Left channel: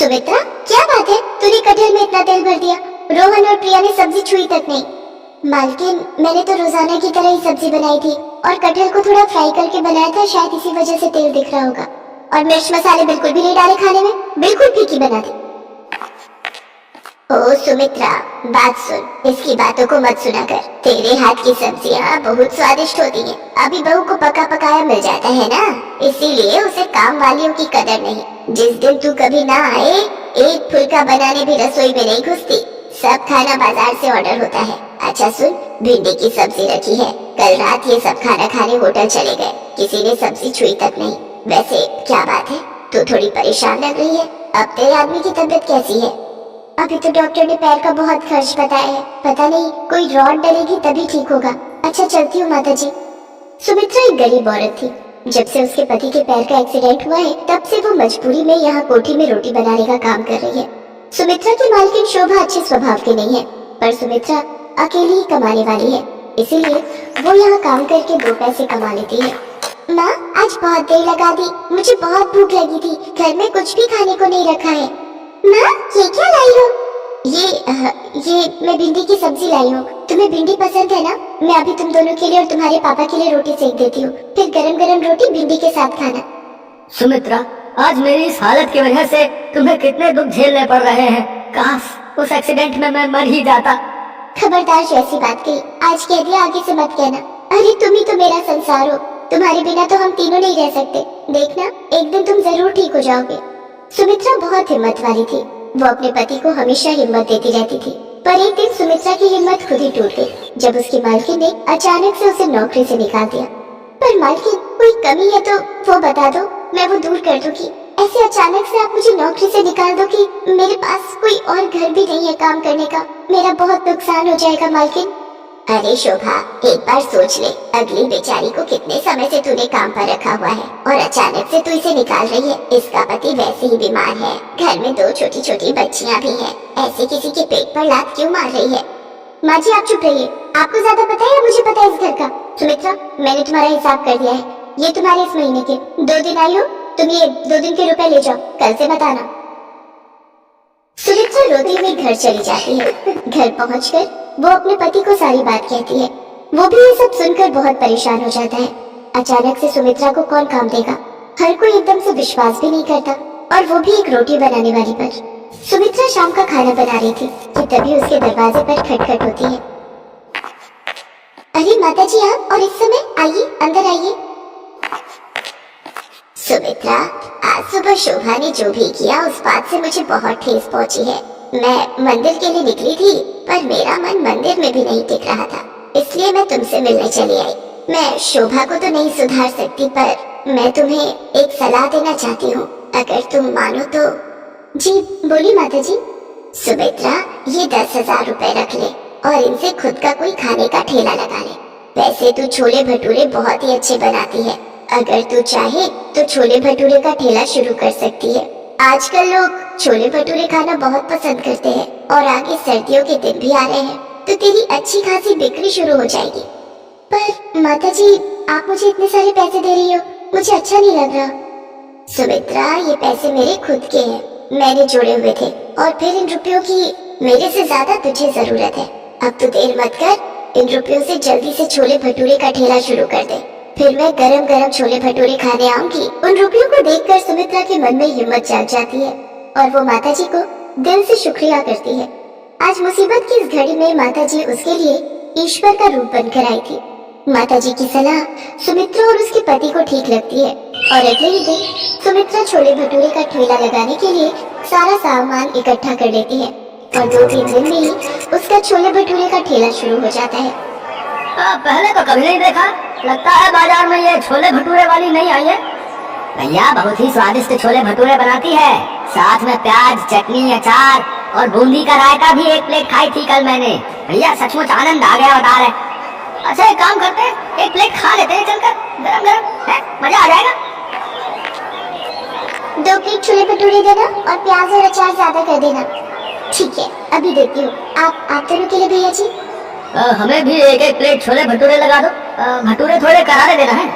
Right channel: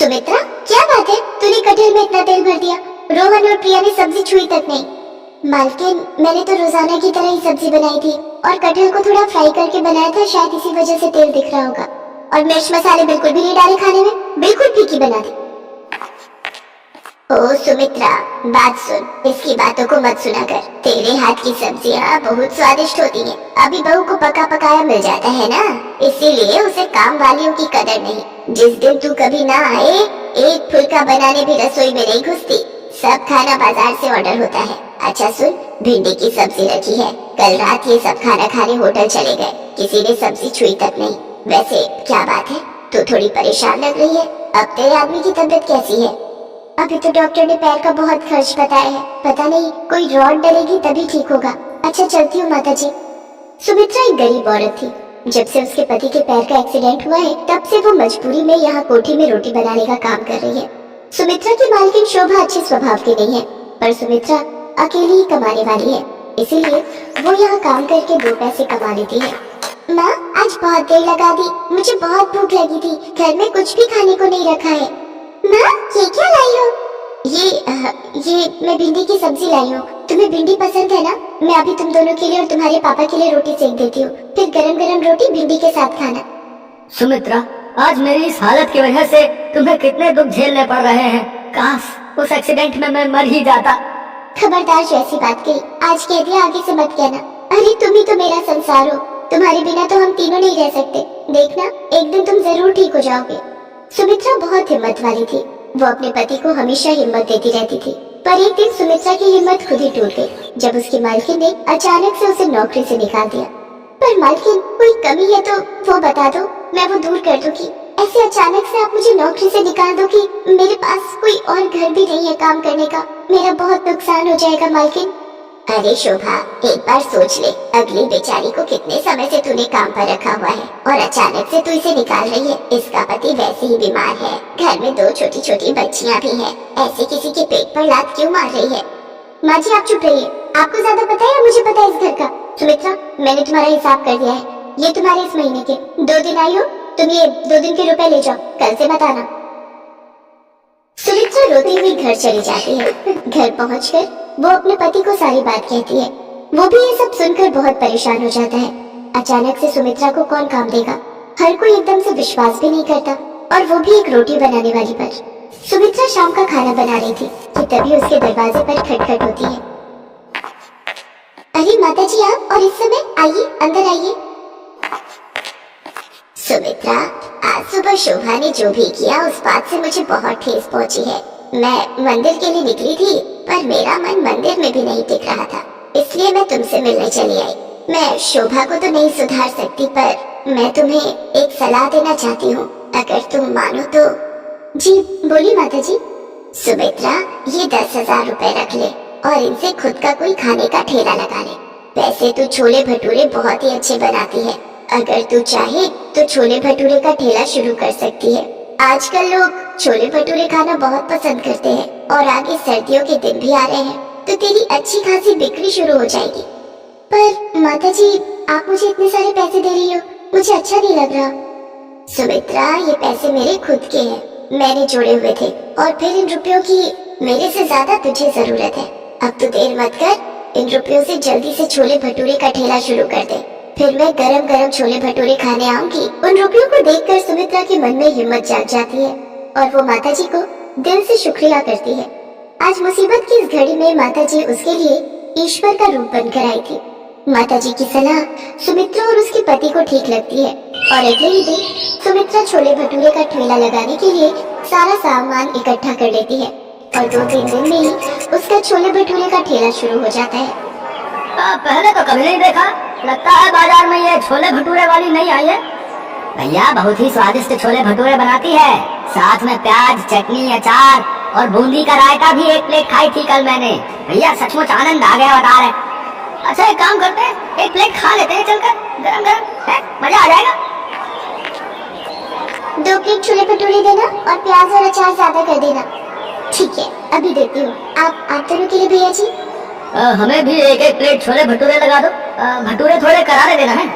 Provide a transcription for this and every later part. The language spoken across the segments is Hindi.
सुमित्रा, क्या बात है? तूने कटहल में इतना तेल भर दिया। रोहन और प्रिया ने सब्जी छुई तक नहीं। मालकिन, मैंने तो रोजाना की तरह ही सब्जी बनाई थी और कटहल को थोड़ा फ्राई करके बनाया था, शायद इसी वजह से तेल दिख रहा होगा। और मिर्च मसाले बिल्कुल भी नहीं डाले खाने में, बिल्कुल फीकी बना दी। ओ सुमित्रा, बात सुन, इसकी बातों को मत सुना कर। तेरे हाथ की सब्जियां बहुत स्वादिष्ट होती हैं। अभी बहू को पका पकाया मिल जाता है ना, इसीलिए उसे काम वालियों की कदर नहीं। जिस दिन तू कभी ना आए, एक फुल्का बनाने भी रसोई में नहीं घुसती। सब खाना बाजार से ऑर्डर होता है। अच्छा सुन, भिंडी की सब्जी रखी है। कल रात ये सब खाना खाने होटल चले गए, किसी ने सब्जी छुई तक नहीं। वैसे क्या बात है, तू थोड़ी परेशान लग रही है। अब तेरे आदमी की तबीयत कैसी है? अभी तो डॉक्टर ने पैर का बहुत खर्च बताया है, पता नहीं कोई रॉड डलेगी तभी ठीक होगा। अच्छा चलती हूँ माता जी। सुमित्रा एक गरीब औरत थी। जब से उसके पति के पैर का एक्सीडेंट हुआ है, तब से वो मजबूरी में यहाँ कोठी में रोटी बनाने का काम कर रही है। सुमित्रा की मालकिन शोभा अच्छे स्वभाव की नहीं है, पर सुमित्रा अकेली ही कमाने वाली है, इसीलिए वो यहाँ काम करके 2 पैसे कमा लेती है। माँ, आज बहुत देर लगा दी, मुझे बहुत भूख लगी थी। घर में कुछ भी खाने को नहीं रखा है। माँ, ये क्या लाई हो? ये मैं भिंडी की सब्जी लाई हूँ। तुम्हें भिंडी पसंद है ना? मैं अभी तुम दोनों के लिए और तुम्हारे पापा के लिए रोटी सेक देती हूँ, फिर गरम गरम रोटी भिंडी के साथ खाना। सुमित्रा, आज मेरी इस हालत की वजह से तुम्हें कितने दुख झेलने पड़ रहे हैं। काश उस एक्सीडेंट में मैं मर ही जाता। खबरदार, जो ऐसी बात कही आज कह दिया, आगे से मत कहना। अरे तुम ही तो मेरा संसार हो, तुम्हारे बिना तो हम तीनों नहीं रह सकते। देखना, एक दिन तुम जरूर ठीक हो जाओगे। सुमित्रा बहुत हिम्मत वाली थी। वो अपने पति को हमेशा हिम्मत देती रहती थी, पर एक दिन सुमित्रा की हिम्मत खुद ही टूट गई जब उसकी मालकिन ने अचानक से उसे नौकरी से निकाल दिया। पर मालकिन, कोई कमी है तो वो बता दो, मैं वो दूर कर दूंगी। ऐसे अचानक से आप मुझे नौकरी से निकाल दो कि मेरे पास कोई और घर भी नहीं है काम करने का, मेरा बहुत नुकसान हो जाएगा मालकिन। अरे शोभा, एक बार सोच ले, अगली बेचारी को कितने समय से तूने काम पर रखा हुआ है और अचानक से तू इसे निकाल रही है। इसका पति वैसे ही बीमार है, घर में 2 छोटी छोटी बच्चियां भी हैं। ऐसे किसी के पेट पर लात क्यों मार रही है? माँ जी, आप चुप रहिए। आपको ज्यादा पता है या मुझे पता है इस घर का? सुमित्रा, मैंने तुम्हारा हिसाब कर दिया है। ये तुम्हारे इस महीने के 2 दिन आई हो, तुम ये 2 दिन के रुपए ले जाओ, कल से मत आना। सुमित्रा रोती हुई घर चली जाती है। घर पहुंचकर वो अपने पति को सारी बात कहती है। वो भी ये सब सुनकर बहुत परेशान हो जाता है। अचानक से सुमित्रा को कौन काम देगा? हर कोई एकदम से विश्वास भी नहीं करता, और वो भी एक रोटी बनाने वाली पर। सुमित्रा शाम का खाना बना रही थी कि तभी उसके दरवाजे पर खटखट होती है। अरे माता जी, आप? और इस समय? आइए, अंदर आइए। सुमित्रा, आज सुबह शोभा ने जो भी किया उस बात से मुझे बहुत ठेस पहुंची है। मैं मंदिर के लिए निकली थी, पर मेरा मन मंदिर में भी नहीं टिक रहा था, इसलिए मैं तुमसे मिलने चली आई। मैं शोभा को तो नहीं सुधार सकती, पर मैं तुम्हें एक सलाह देना चाहती हूँ, अगर तुम मानो तो। जी बोली माता जी। सुमित्रा, ये 10,000 रुपए रख ले और इनसे खुद का कोई खाने का ठेला लगा ले। वैसे तू छोले भटूरे बहुत ही अच्छे बनाती है, अगर तू चाहे तो छोले भटूरे का ठेला शुरू कर सकती है। आजकल लोग छोले भटूरे खाना बहुत पसंद करते हैं, और आगे सर्दियों के दिन भी आ रहे हैं, तो तेरी अच्छी खासी बिक्री शुरू हो जाएगी। पर माता जी, आप मुझे इतने सारे पैसे दे रही हो, मुझे अच्छा नहीं लग रहा। सुमित्रा, ये पैसे मेरे खुद के हैं, मैंने जोड़े हुए थे, और फिर इन रुपयों की मेरे से ज्यादा तुझे जरूरत है। अब तो देर मत कर, इन रुपयों से जल्दी से छोले भटूरे का ठेला शुरू कर दे, फिर मैं गरम गरम छोले भटूरे खाने आऊंगी। उन रुपयों को देखकर सुमित्रा के मन में हिम्मत जाग जाती है, और वो माता जी को दिल से शुक्रिया करती है। आज मुसीबत की इस घड़ी में माता जी उसके लिए ईश्वर का रूप बनकर आई थी। माता जी की सलाह सुमित्रा और उसके पति को ठीक लगती है, और अगले ही दिन सुमित्रा छोले भटूरे का ठेला लगाने के लिए सारा सामान इकट्ठा कर लेती है, और 2-3 दिन में ही उसका छोले भटूरे का ठेला शुरू हो जाता है। पहले तो कभी नहीं देखा, लगता है बाजार में ये छोले भटूरे वाली नहीं आई है। भैया बहुत ही स्वादिष्ट छोले भटूरे बनाती है, साथ में प्याज, चटनी, अचार और बूंदी का रायता भी 1 प्लेट खाई थी कल मैंने। भैया सचमुच आनंद आ गया बता रहे। अच्छा एक काम करते हैं, 1 प्लेट खा लेते हैं चलकर, गरम गरम है, मजा आ जाएगा। 2 प्लेट छोले भटूरे देना और प्याज और अचार ज्यादा कर देना। ठीक है, अभी देती हूँ। आप दोनों के लिए भैया जी। हमें भी 1-1 प्लेट छोले भटूरे लगा दो, भटूरे थोड़े करारे देना है।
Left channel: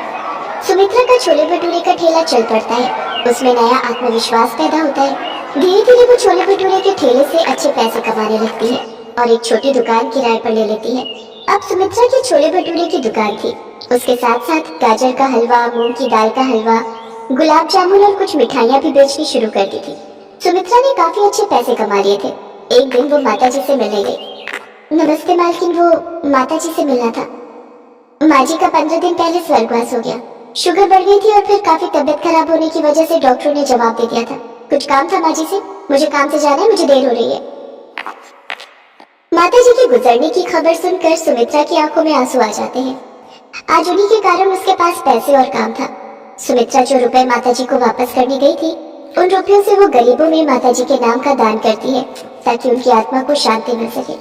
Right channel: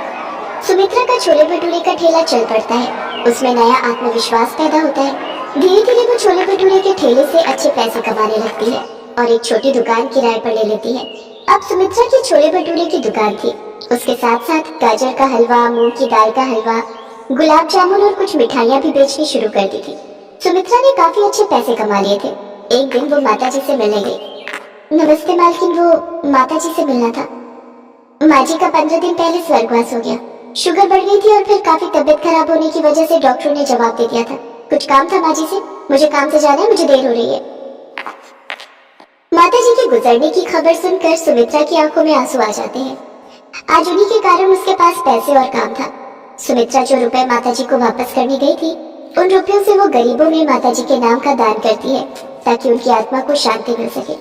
सुमित्रा का छोले भटूरे का ठेला चल पड़ता है, उसमें नया आत्मविश्वास पैदा होता है। धीरे धीरे वो छोले भटूरे के ठेले से अच्छे पैसे कमाने लगती है और एक छोटी दुकान किराए पर ले लेती है। अब सुमित्रा की छोले भटूरे की दुकान थी। उसके साथ साथ गाजर का हलवा, मूंग की दाल का हलवा, गुलाब जामुन और कुछ मिठाइयाँ भी बेचनी शुरू कर दी थी। सुमित्रा ने काफी अच्छे पैसे कमा लिए थे। एक दिन वो माताजी से मिलने गई। नमस्ते मालकिन, वो माताजी से मिलना था। माँ जी का 15 दिन पहले स्वर्गवास हो गया। शुगर बढ़ गई थी और फिर काफी तबीयत खराब होने की वजह से डॉक्टरों ने जवाब दे दिया था। कुछ काम था माँ जी से, मुझे काम से जाना है, मुझे देर हो रही है। माताजी के गुजरने की खबर सुनकर सुमित्रा की आंखों में आंसू आ जाते हैं। आज उन्हीं के कारण उसके पास पैसे और काम था। सुमित्रा जो रुपए माताजी को वापस करने गई थी, उन रुपयों से वो गरीबों में माताजी के नाम का दान करती है ताकि उनकी आत्मा को शांति मिल सके।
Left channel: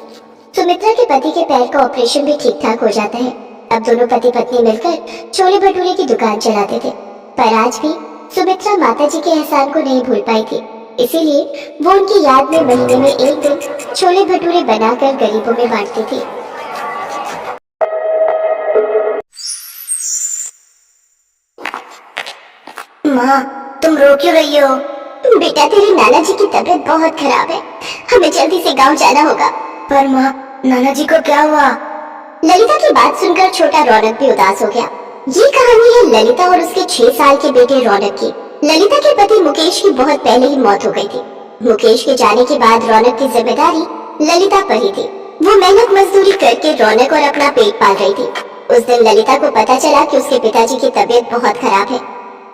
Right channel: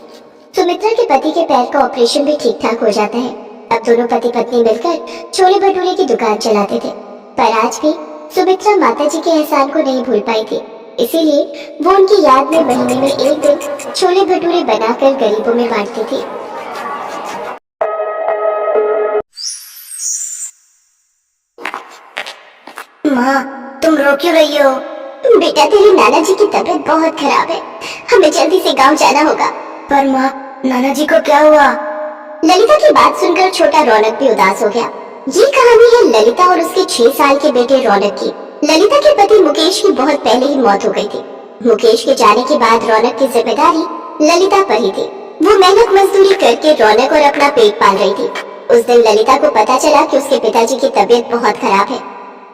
सुमित्रा के पति के पैर का ऑपरेशन भी ठीक ठाक हो जाता है। अब दोनों पति पत्नी मिलकर छोले भटूरे की दुकान चलाते थे। पर आज भी सुमित्रा माताजी के एहसान को नहीं भूल पाई थी, इसीलिए वो उनकी याद में महीने में एक दिन छोले भटूरे बनाकर गरीबों में बांटती थी। माँ, तुम रो क्यों रही हो? बेटा, तेरे नाना जी की तबीयत बहुत खराब है, हमें जल्दी से गांव जाना होगा। पर माँ, नाना जी को क्या हुआ? ललिता की बात सुनकर छोटा रौनक भी उदास हो गया। ये कहानी है ललिता और उसके 6 साल के बेटे रौनक की। ललिता के पति मुकेश की बहुत पहले ही मौत हो गई थी। मुकेश के जाने के बाद रौनक की जिम्मेदारी ललिता पर ही थी। वो मेहनत मजदूरी करके रौनक और अपना पेट पाल रही थी। उस दिन ललिता को पता चला कि उसके पिताजी की तबीयत बहुत खराब है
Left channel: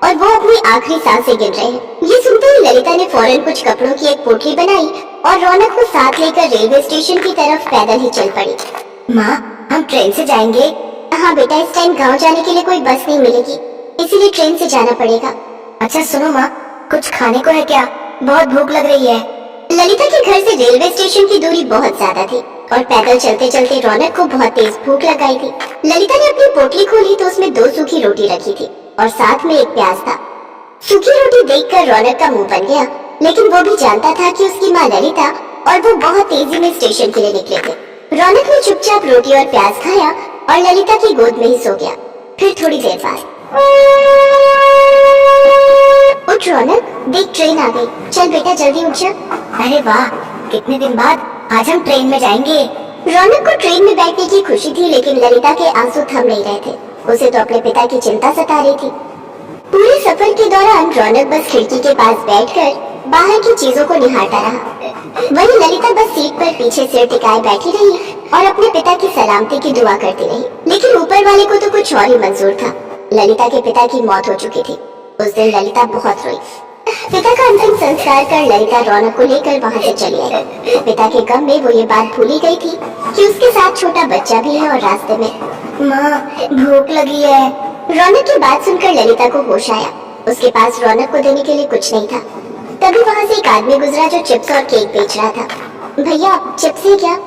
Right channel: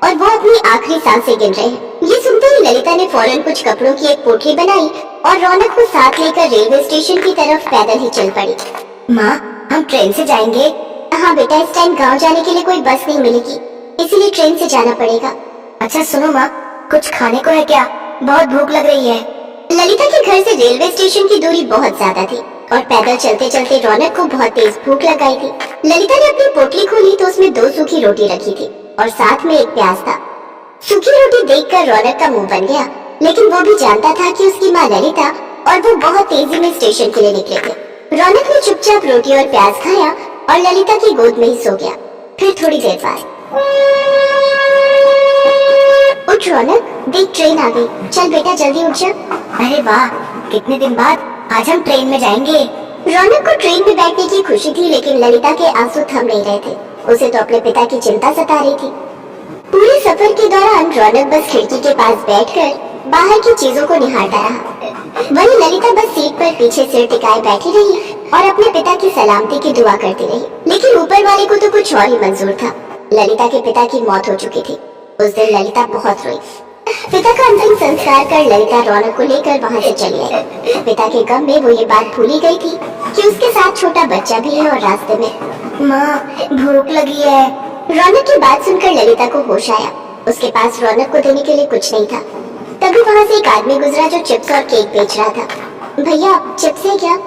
और वो अपनी आखिरी सांसें गिन रहे हैं। ये सुनते ही ललिता ने फौरन कुछ कपड़ों की एक पोटली बनाई और रौनक को साथ लेकर रेलवे स्टेशन की तरफ पैदल ही चल पड़ी। माँ, हम ट्रेन से जाएंगे? हाँ बेटा, इस टाइम गांव जाने के लिए कोई बस नहीं मिलेगी, इसीलिए ट्रेन से जाना पड़ेगा। अच्छा सुनो माँ, कुछ खाने को है क्या? बहुत भूख लग रही है। ललिता के घर से रेलवे स्टेशन की दूरी बहुत ज्यादा थी और पैदल चलते चलते रौनक को बहुत तेज भूख लग गई थी। ललिता ने अपनी पोटली खोली तो उसमें 2 सूखी रोटी रखी थी और साथ में एक प्याज था। सूखी रोटी देखकर रौनक का मुंह बन गया, लेकिन वो भी जानता था कि उसकी माँ ललिता और वो बहुत तेजी में स्टेशन के लिए निकले थे। रौनक ने चुपचाप रोटी और प्याज खाया और ललिता की गोद में ही सो गया। फिर थोड़ी देर बाद, उठ रौनक, देख ट्रेन आ गई, चल बेटा जल्दी उठ जा। अरे वाह, कितने दिन बाद आज हम ट्रेन में जाएंगे। रौनक को ट्रेन में बैठने की खुशी थी, लेकिन ललिता के आंसू थम नहीं रहे थे। उसे तो अपने पिता की चिंता सता रही थी। पूरे सफर के दौरान रौनक बस खिड़की के पास बैठकर बाहर की चीजों को निहारता रहा। वहीं ललिता बस सीट पर पीछे सिर टिकाए बैठी रही और अपने पिता की सलामती की दुआ करती रही। लेकिन ऊपर वाले को तो कुछ और ही मंजूर था। ललिता के पिता की मौत हो चुकी थी। उस दिन ललिता बहुत रोई। पिता का अंतिम संस्कार कर ललिता रौनक को लेकर वहाँ से चली आई। पिता के गम में वो ये बात भूल ही गई थी कि उसके साथ छोटा बच्चा भी है और रास्ते में। माँ, भूख लगी है। रौनक की बात सुनकर ललिता को होश आया। उसके पास रौनक को देने के लिए कुछ नहीं था। तभी वहाँ से एक आदमी गुजरा जो चिप्स और केक बेच रहा था। भैया, चिप्स है क्या?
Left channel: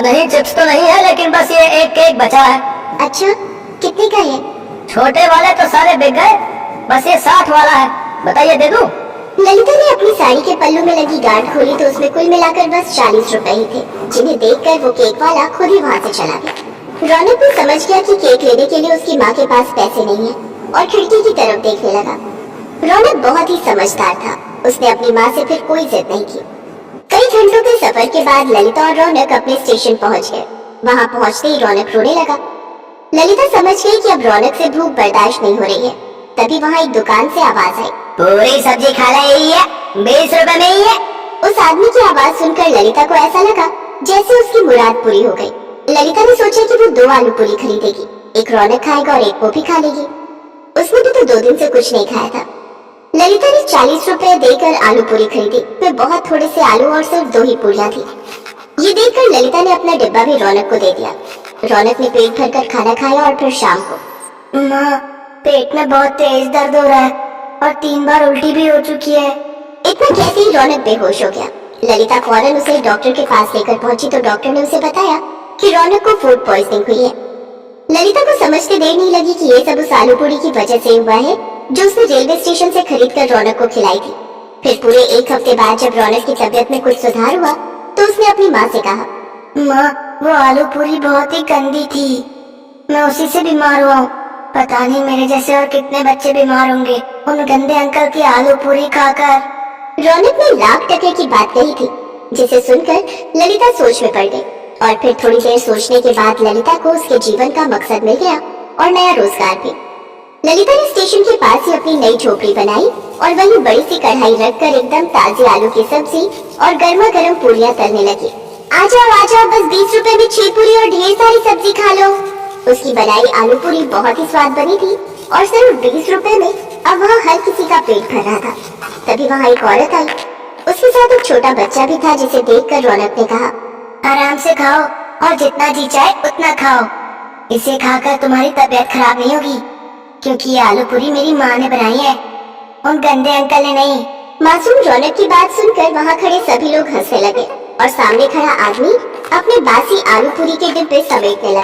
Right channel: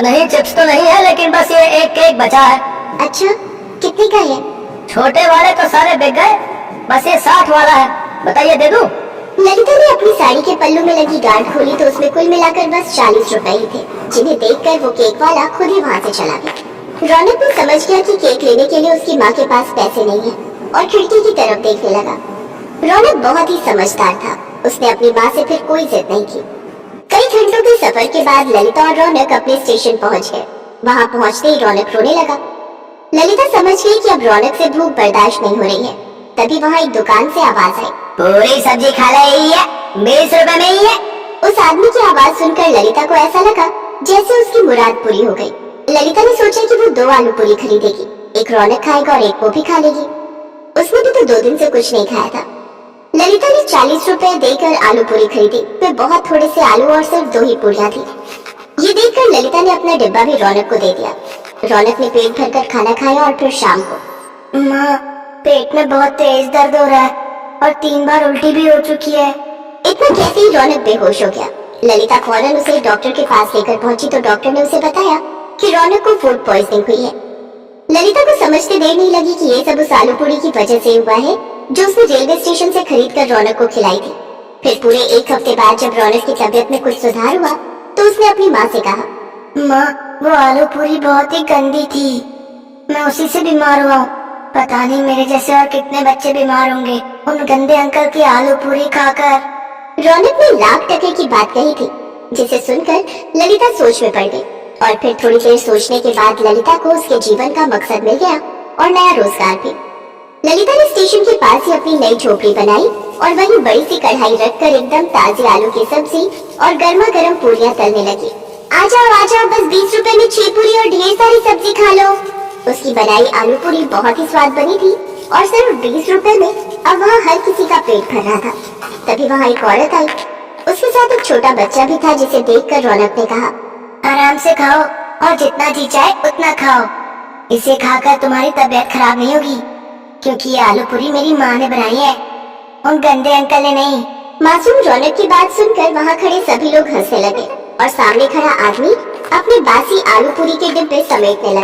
नहीं, चिप्स तो नहीं है, लेकिन बस ये एक केक बचा है। अच्छा, कितने का है? छोटे वाले तो सारे बिक गए, बस ये 60 वाला है, बताइए दे दूं? ललिता ने अपनी साड़ी के पल्लू में लगी गांठ खोली तो उसमें कुल मिलाकर बस 40 रुपए ही थे, जिन्हें देखकर वो केक वाला खुद ही वहाँ से चला गया। रौनक भी समझ गया कि केक लेने के लिए उसकी माँ के पास पैसे नहीं है और खिड़की की तरफ देखने लगा। रौनक बहुत ही समझदार था। उसने अपनी माँ से फिर कोई जिद नहीं की। कई घंटों के सफर के बाद ललिता और रौनक अपने स्टेशन पहुँच गए। वहाँ पहुँचते ही रौनक रोने लगा। ललिता समझ गई कि अब रौनक से भूख बर्दाश्त नहीं हो रही है। तभी वहाँ एक दुकान से आवाज आई, पूरी सब्जी खा रही है, 20 रुपए में ही है। उस आदमी की आवाज सुनकर ललिता को ऐसा लगा जैसे उसकी मुराद पूरी हो गई। ललिता ने सोचा कि वो 2 आलू पूरी खरीदेगी, एक रौनक खाएगा और एक वो भी खा लेगी। उसने भी तो 2 दिन से कुछ नहीं खाया था। ललिता ने 40 रुपए देकर आलू पूरी खरीदी। वे बहुत थोड़े से आलू और सिर्फ 2 ही पूरियां थी। ये देखकर ललिता ने अपना डिब्बा भी रौनक को दे दिया। रौनक ने पेट भरकर खाना खाया और फिर शाम को। माँ, पेट में बहुत तेज दर्द हो रहा है और 3 बार उल्टी भी हो चुकी है। इतना कहते ही रौनक बेहोश हो गया। ललिता फौरन उसे डॉक्टर के पास लेकर पहुंची तो डॉक्टर ने उसे बताया कि रौनक को फूड पॉइजनिंग हुई है। ललिता को समझते देर नहीं लगी कि ये सब उस आलू पूरी की वजह से हुआ है जो उसने रेलवे स्टेशन से खरीद कर रौनक को खिलाई थी। फिर पूरे 1 हफ्ते बाद जब रौनक की तबीयत में कुछ सुधार हुआ तो उसने अपनी माँ से कहा, माँ, वो आलू पूरी बहुत ही गंदी थी, मैं उसी से बीमार हुआ हूँ। पता नहीं मेरे जैसे और कितने बच्चे बीमार होंगे उन गंदे अंकल की आलू पूरी खाकर। रौनक ने लाख टके की बात कही थी, जिसे सुनकर ललिता सोच में पड़ गई। और फिर थोड़ी देर सोचने के बाद ललिता को उसके जीवन का मकसद मिल गया और नया रोजगार भी। ललिता ने स्टेशन के पास ही अपनी नई झोपड़ी बनाई और वही बड़ी सी कढ़ाई रखकर एकदम ताजी आलू की सब्जी और गर्मा गर्म पूरियां तलने लगी। आ जाओ, बस 20 रुपए में 6 पूरी और ढेर सारी सब्जी खा लो। उसकी बनाई आलू पूरी बहुत ही स्वाद बनी थी और सिर्फ 20 रुपए में अब वहाँ हर किसी का पेट भर रहा था। तभी वहाँ एक औरत आई, उसके साथ एक छोटा बच्चा भी था, जिसे देखकर रौनक ने कहा, आराम से खाओ और जितना जी चाहे उतना खाओ। इसे खाकर तुम्हारी तबीयत खराब नहीं होगी, क्योंकि ये आलू पूरी मेरी माँ ने बनाई है, उन गंदे अंकल ने नहीं। मासूम रौनक की बात सुनकर वहाँ खड़े सभी लोग हंसने लगे और सामने खड़ा आदमी अपने बासी आलू पूरी के डिब्बे समेटने लगा।